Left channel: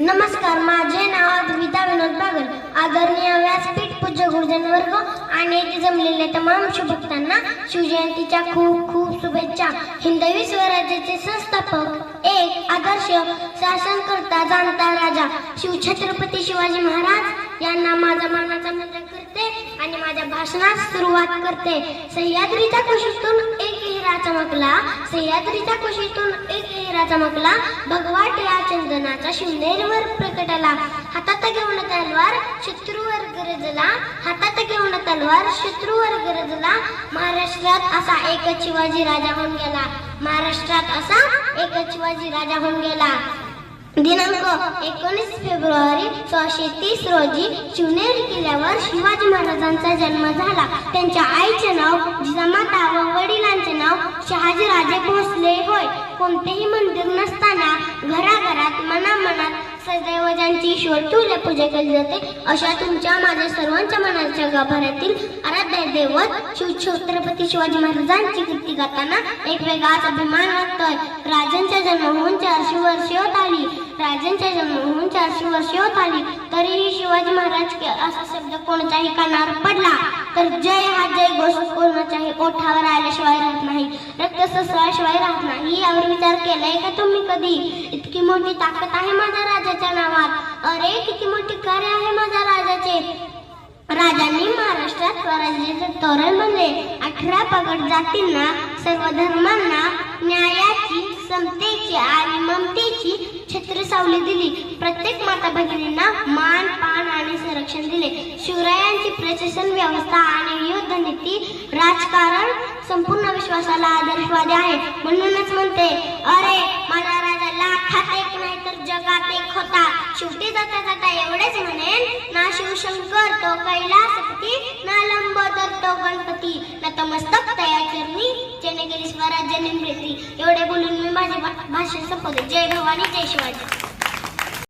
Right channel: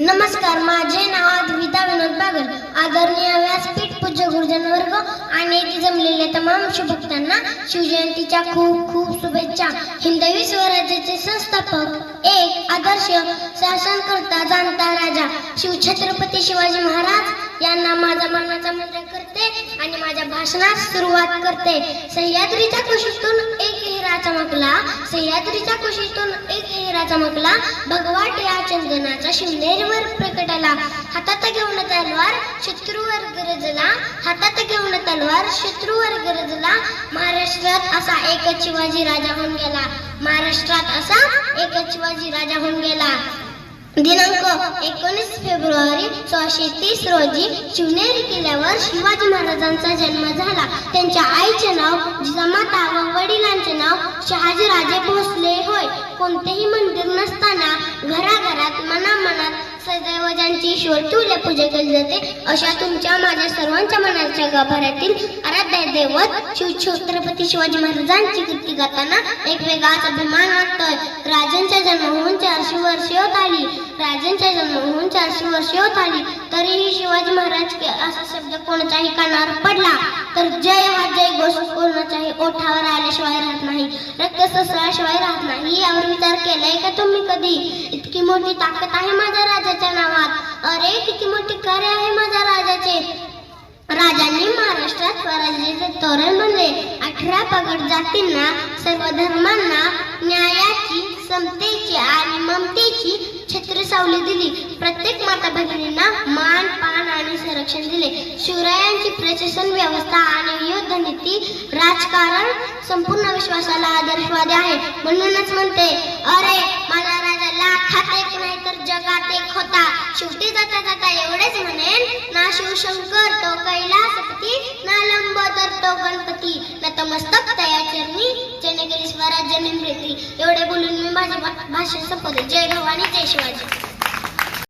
नमस्कार, माझे नाव अद्विता विनोद बागल. आदरणीय व्यासपीठ, पूज्य गुरुजन वर्ग आणि येथे जमलेले तमाम शुभभक्तांना शिवजयंतीच्या खूप खूप शुभेच्छा. हिंदवी स्वराज्याचे संस्थापक, एक आदर्श शासनकर्ता, जाणता राजा शिवछत्रपती शिवाजी महाराज यांना माझा मानाचा मुद्रा करते आणि माझ्या भाषणास सुरुवात करते. सह्याद्रीच्या कुशीतून एक हिरा चमकला, सह्याद्रीच्या कुशीतून एक हिरा चमकला, भगवाट या चंदनाचा शिवनेरीवर प्रकटला. हातात घेऊन तलवार शत्रूवर गरजला, हातात घेऊन तलवार शत्रूवर गरजला. महाराष्ट्रात असा एकच शिवाजी राजा होऊन गेला, महाराष्ट्रात असा एकच शिवाजी राजा होऊन गेला. दिनांक 19 फेब्रुवारी 1630 रोजी शिवनेरी किल्ल्यावर शिवाजी महाराजांचा जन्म झाला. त्यांच्या आईचे नाव जिजामाता व वडिलांचे नाव शहाजीराजे भोसले होय. कोणतेही मंदिर नसताना घराघरात मनामनात सदैव ज्यांची ईश्वर पूजा केली जाते, अशा तुमच्या माझ्या सर्वांच्या मनाच्या गाभाऱ्यातील आराध्य दैवत शिवछत्रपती शिवाजी महाराजांची कीर्ती गाताना एक वेगळाच अभिमान वाटतोय. राजांचा जन्म होऊन 400 वर्षे होत आली, राजांच्या जन्म होऊन 400 वर्षे होत आली, तरीही शिवाजी महाराज असा शब्द कोणत्याही कानावर पडला तर जय हा जय घोष कोणाच्याही ओठावर आल्याशिवाय राहत नाही, रक्त ससळाशिवाय राहत नाही. यावर विचार केलाय का तुम्ही कधी? इतकी मोठी ताकद आहे माझ्या राजाच्या नावात, अरे किती मोठी कार्य आहे माझ्या राजाचे. राजांनी महाराष्ट्रात स्वराज्याचे तोरण बनले. 18 पगड जातींना, सर्व धर्मांना न्यायाची, समतेची आणि ममतेची छत्र सावली दिली. प्रत्येक माता भगिनींना मान पान आणि संरक्षण दिले. शिवरायांची प्रशासन व्यवस्था आणि युद्ध नीती, राजकारण संपूर्ण विश्वासाला आदर्शवादी आहे. म्हणूनच म्हणते, अरे माझा राजा लाखात एक नाही तर जगात एक होता. शेवटी जाता जाता एवढेच म्हणेन, ना शिवशंकर तो कैलासपती, ना लंबोदर तो गणपती, नतमस्तक तया चरणी, जेणे केली स्वराज्य निर्मिती. एवढे बोलून मी माझे भाषण संपवले. जय भवानी, जय शिवाजी.